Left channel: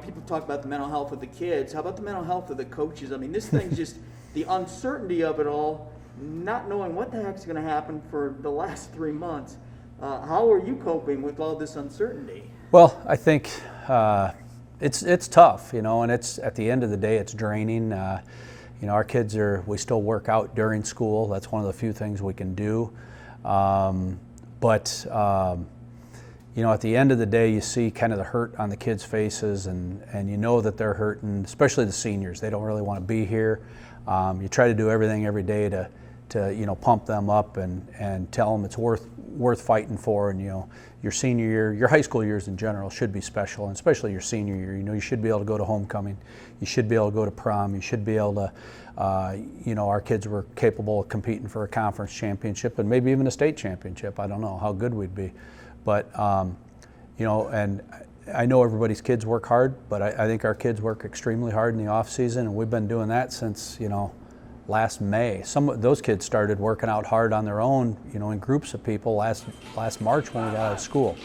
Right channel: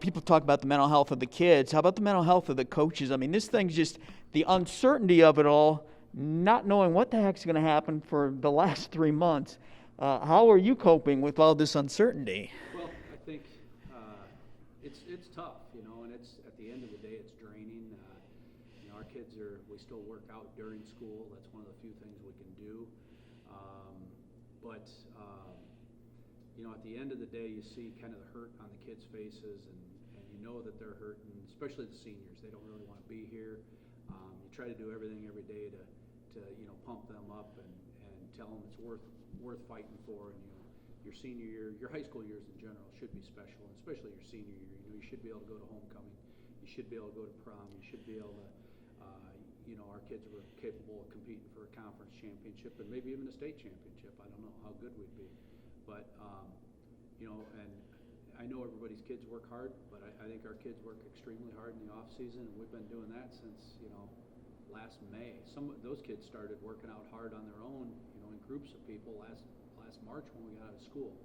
people talk about the mental health of the kids. How about the mental health of the coaches? I mean, this thing's just the uncertainty of it all, not knowing what the heck's going to happen for the last 3 months. How are you coping with all this uncertainty? Well, I think it's tough, and it's at the end of the day, it's draining. Our kids we still work out during school. That's one of the few things we can do. But at the end of the day, you see kind of the hurt on the kids' faces, and you know that they're hurting, especially the seniors. They don't really want to be here. You try to do everything every day to pump them up and tell them it's worth fighting for. And your senior year, your high school years in general should be special, and especially your senior year. You should be able to go to homecoming. You should be able to go to prom. You should be able to, our kids were capable of competing for a conference championship and maybe even a state championship. I don't know how good we'd be. But, and I know everybody's kids work hard, but I think our kids work extremely hard in the off season, and we've been doing that since, last May. Some of those kids started working out hard on their own, in groups of people last March when we got out of school.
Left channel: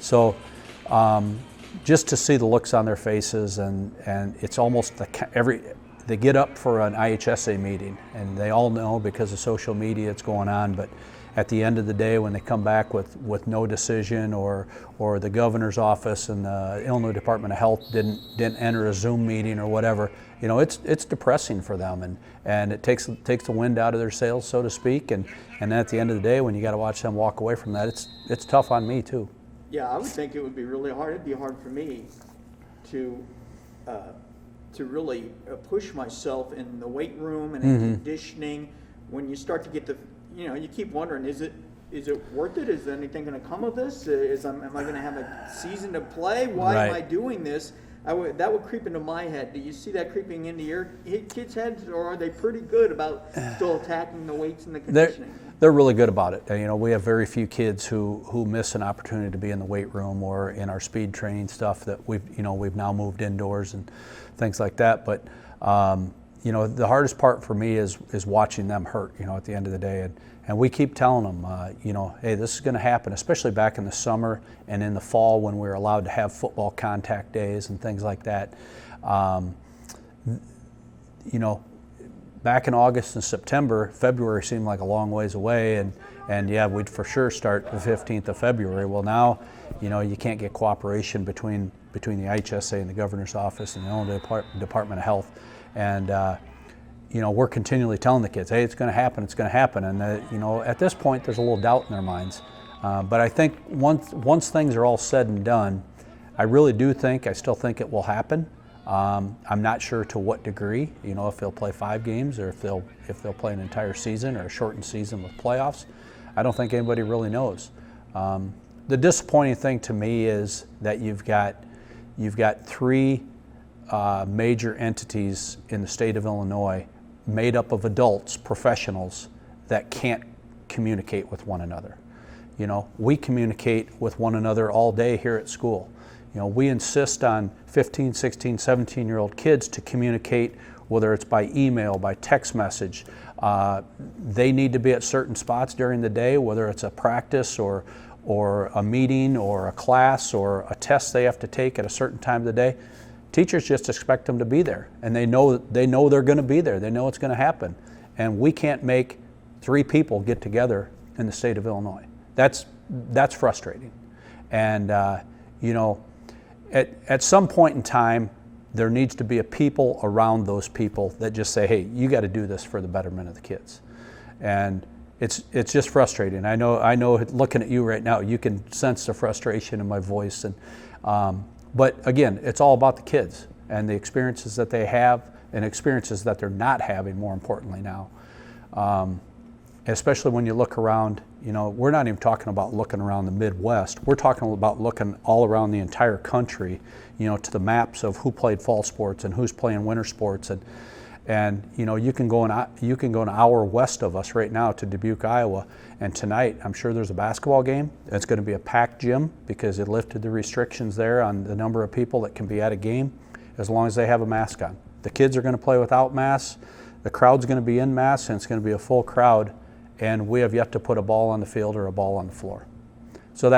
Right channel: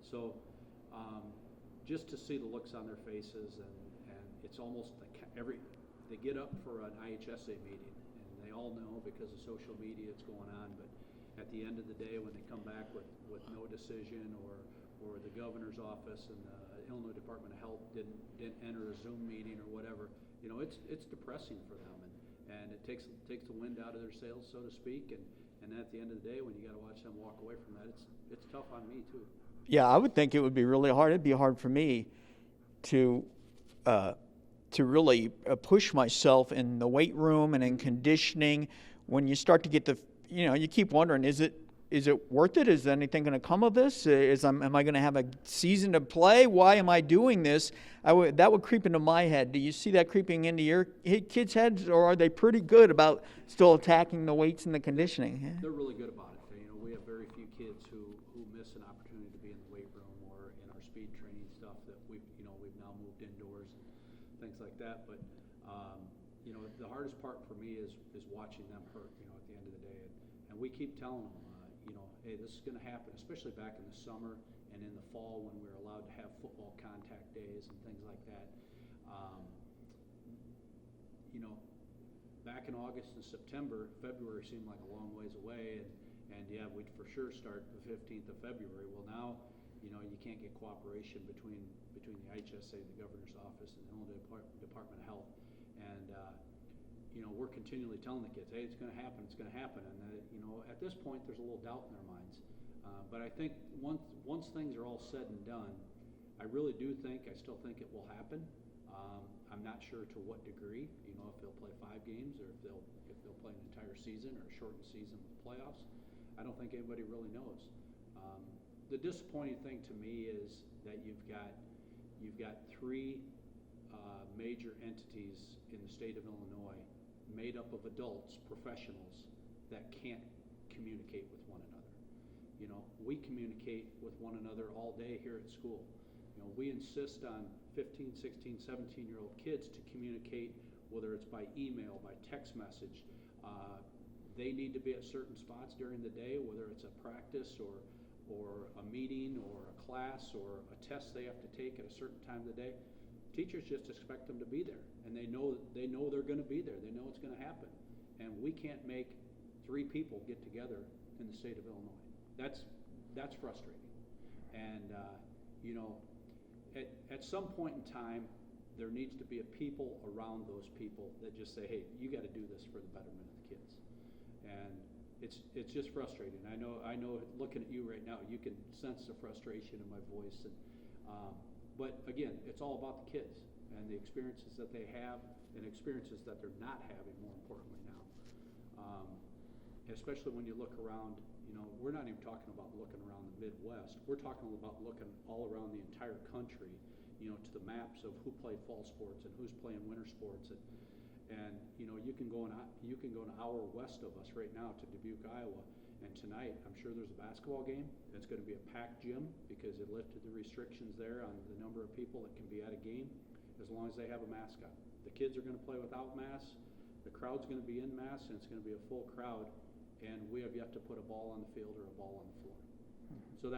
So just to see the looks on their faces, and it's almost they get up for an IHSA meeting, and they all know because of social media it's going on, but at the end of the day, when they come back with no decision, or the governor's office and the Illinois Department of Health didn't enter a Zoom meeting or whatever, it's depressing for them, and it takes the wind out of their sails, so to speak. And at the end of the day, when you got to watch them walk away from that, it's tough on me too. Yeah, I would think it would be really hard. It'd be hard for me to really push myself in the weight room and in conditioning. When you start to get you keep wondering, is it worth it? Is anything going to come of this? Am I going to have a season to play? Why am I doing this? That would creep into my head. Do you see that creeping into your kids' heads, or are they pretty good about still attacking the weights and the conditioning? They're really good about it. We have very few kids who miss an opportunity to be in the weight room or in our speed training stuff that we've now moved indoors and things like that. But the hardest part for me is watching them hurt, at the end of the day. And we keep telling them, hey, this is going to happen, especially back in the summer and in the fall when we were allowed to have football contact days and things like that. Back in August and September, February seemed like a long ways away, and yeah, we'd for sure start the 15th of February. Well, now, you can't get cooperation between the IHSA and the governor's office and the Illinois Department of Health. And we're continually telling the kids, hey, it's going to happen. And at this point, there's a little doubt in their minds. But I think once things are all said and done, I still think it will happen. I'm not sure to what degree, if they'll play 5 games or if they'll play an entire season or a shortened season with playoffs. I don't think anybody really knows. The disappointing thing to me is that you've got 3 major entities in the state of Illinois made up of adults, professionals, that can't communicate with one another. We communicate with one another all day here at school. We insist on 15, 16, 17-year-old kids to communicate, whether it's by email, by text message. They need to be at certain spots during the day, whether it's a practice or a meeting or a class or a test they have to take at a certain time of the day. Teachers just expect them to be there, and they know they're going to be there. They know it's going to happen, and we can't make 3 people get together in the state of Illinois. That's frustrating, and at some point in time, there needs to be a people around those people that just say, hey, you got to do this for the betterment of the kids, and it's just frustrating. I know. Looking at you right now, you can sense the frustration in my voice, and. But again, it's all about the kids and the experiences that they have and experiences that they're not having, more importantly now. Especially when you look around, we're not even talking about looking around the Midwest. We're talking about looking all around the entire country, to the maps of who played fall sports and who's playing winter sports. And you can go an hour west of us right now to Dubuque, Iowa, and tonight I'm sure there's a basketball game. It's going to be a packed gym because it lifted the restrictions there on the number of people that can be at a game, as long as they have a mask on. The kids are going to play without masks. The crowd's going to be in masks, and it's going to be a full crowd. And we have yet to put a ball on the field or a ball on the floor. So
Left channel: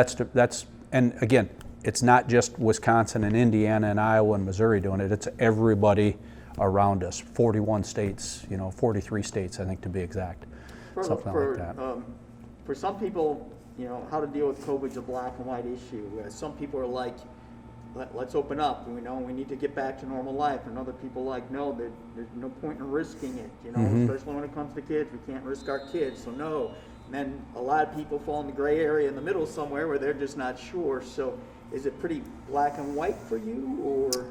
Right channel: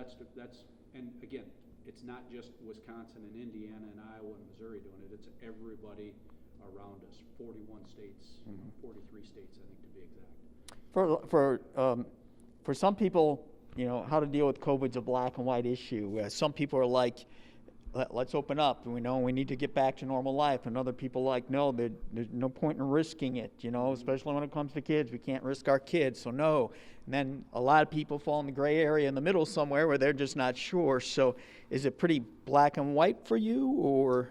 and again, it's not just Wisconsin and Indiana and Iowa and Missouri doing it. It's everybody around us. 41 states, 43 states, I think, to be exact. Something like that. For some people, how to deal with COVID's a black and white issue. Some people are like, let's open up. We need to get back to normal life. And other people like, no, there's no point in risking it. Especially when it comes to kids, we can't risk our kids. So no. And then a lot of people fall in the gray area in the middle somewhere where they're just not sure. So is it pretty black and white for you, or?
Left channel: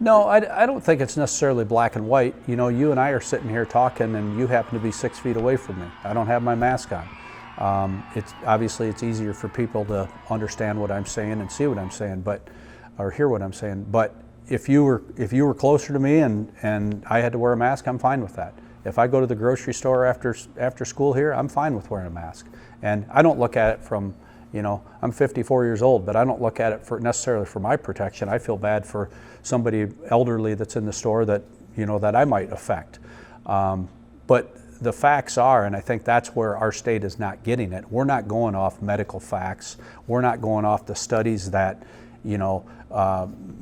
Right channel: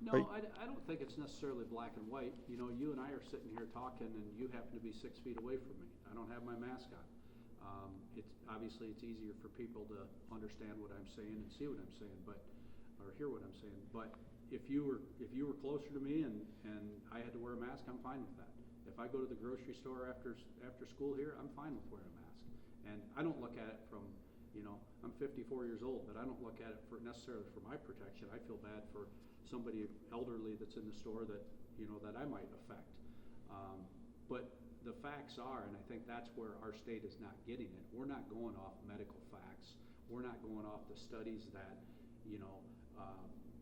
No, I don't think it's necessarily black and white. You and I are sitting here talking, and you happen to be 6 feet away from me. I don't have my mask on. It's easier for people to understand what I'm saying and see what I'm saying, or hear what I'm saying. But if you were closer to me and I had to wear a mask, I'm fine with that. If I go to the grocery store after school here, I'm fine with wearing a mask. And I don't look at it from, I'm 54 years old, but I don't look at it necessarily for my protection. I feel bad for somebody elderly that's in the store that I might affect. But the facts are, and I think that's where our state is not getting it. We're not going off medical facts. We're not going off the studies that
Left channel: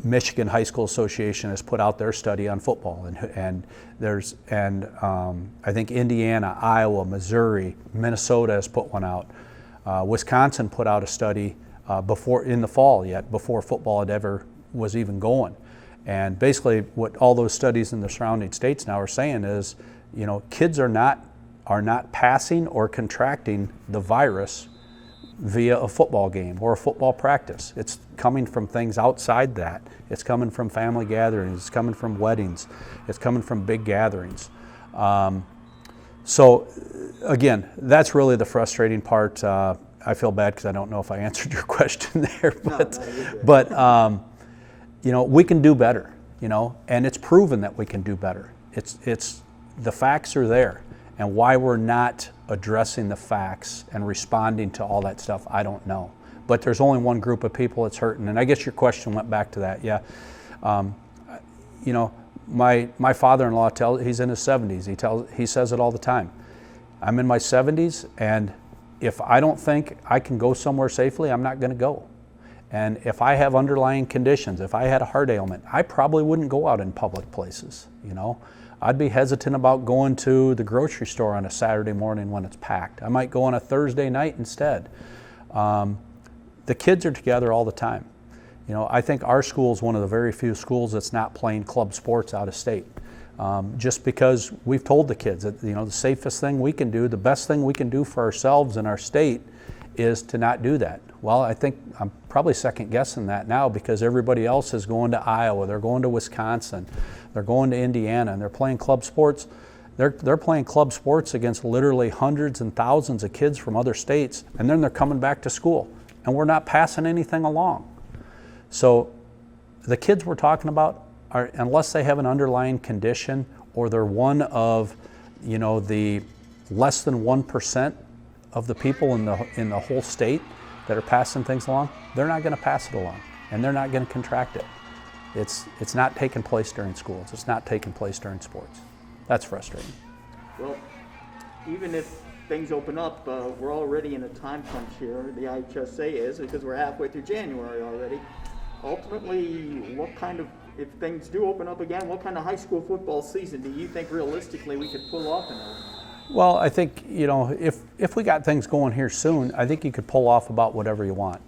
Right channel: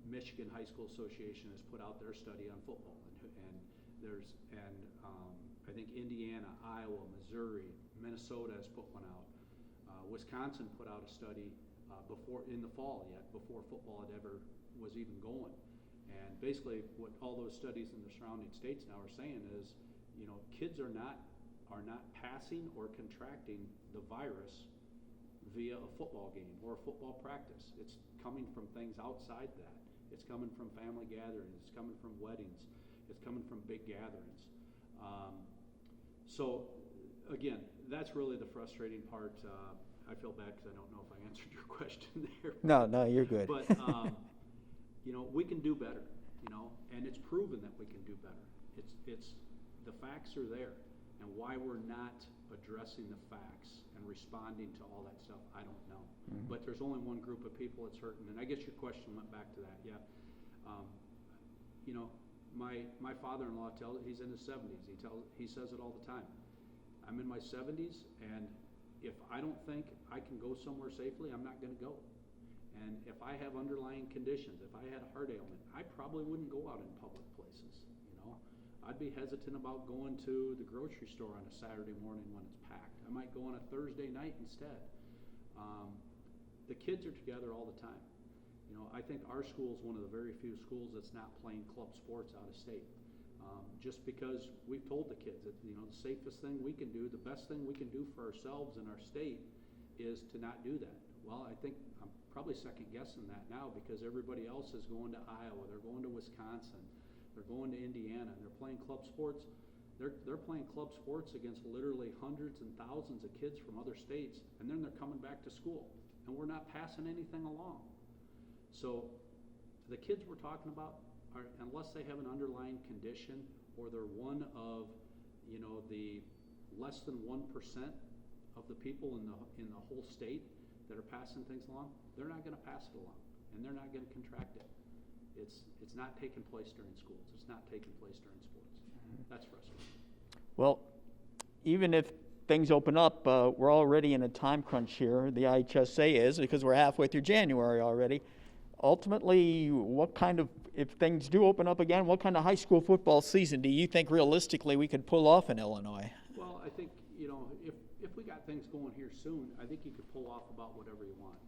Michigan High School Association has put out their study on football, and I think Indiana, Iowa, Missouri, Minnesota has put one out. Wisconsin put out a study before in the fall before football was even going, and basically what all those studies in the surrounding states now are saying is, kids are not passing or contracting the virus via a football game or a football practice. It's coming from things outside that. It's coming from family gatherings. It's coming from weddings. It's coming from big gatherings. So again, that's really the frustrating part. I feel bad because I don't know if I answered your question there, but, no, you're good. But we can do better, and it's proven that we can do better. It's the facts are there, and why we're not addressing the facts and responding to all that stuff, I don't know. But there's only one group of people that's hurting, and I guess your question went back to that. Yeah, my father-in-law he's in his 70s. He says it all the time. I'm in my 70s, and if I don't think I can go somewhere safely, I'm not going to go. And if I have underlying conditions, if I had a heart ailment, I probably wouldn't go out in public places. I'd be hesitant about going to the grocery store on a Saturday morning when it's packed. I might go on a Thursday night instead. The kids are together all the time. I think our school is one of the very few schools that's not playing club sports out of state. Just because we've told the kids that, the safest thing we can do, the best thing we can do for ourselves and our state is to not do that. Well, I think I'm probably second guessing that now because everybody else is going to Iowa, they're going to Wisconsin, they're going to Indiana, and they're playing club sports. They're playing club sports against literally hundreds and thousands of kids from other states, and then they're coming back to school, and we're not passing anything along. So the kids we're talking about are, unless they have an underlying condition or they're one of, the less than 1% of the people in the whole state that are passing things along, they're not going to pass it along, and they're not going to contract it. It's not taking place during schools. It's not taking place during sports. That's frustrating. Well, even if things open up, we're already in a time crunch here. The IHSA is, because we're halfway through January already. Ultimately, if things do open up again, what kind of high school football season do you think realistically we could pull off in Illinois? Well, I think, if we got things going here soon, I think you could pull off about whatever you want.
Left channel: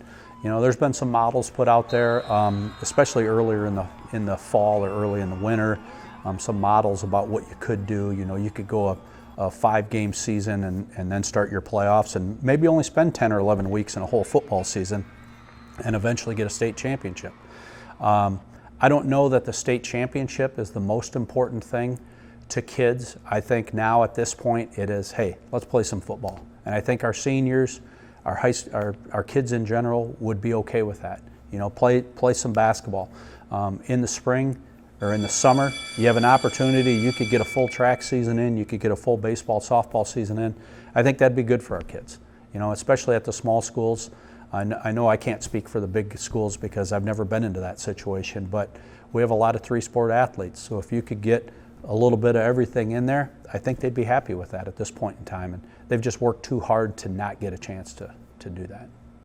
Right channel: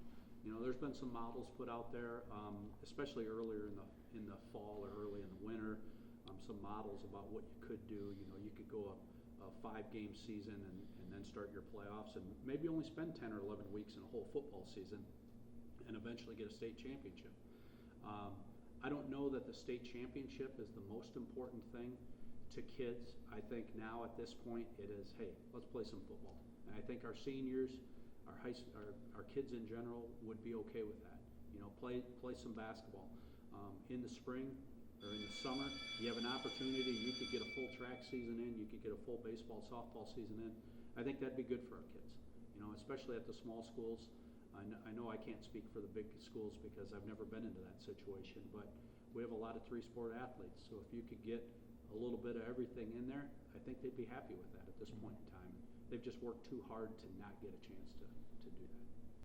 There's been some models put out there, especially earlier in the fall or early in the winter, some models about what you could do. You could go a 5-game season and then start your playoffs and maybe only spend 10 or 11 weeks in a whole football season and eventually get a state championship. I don't know that the state championship is the most important thing to kids. I think now at this point it is, hey, let's play some football. And I think our seniors, our kids in general would be okay with that. Play some basketball. In the spring or in the summer, you have an opportunity. You could get a full track season in. You could get a full baseball, softball season in. I think that'd be good for our kids. Especially at the small schools. I know I can't speak for the big schools because I've never been into that situation, but we have a lot of 3-sport athletes. So if you could get a little bit of everything in there, I think they'd be happy with that at this point in time. And they've just worked too hard to not get a chance to do that.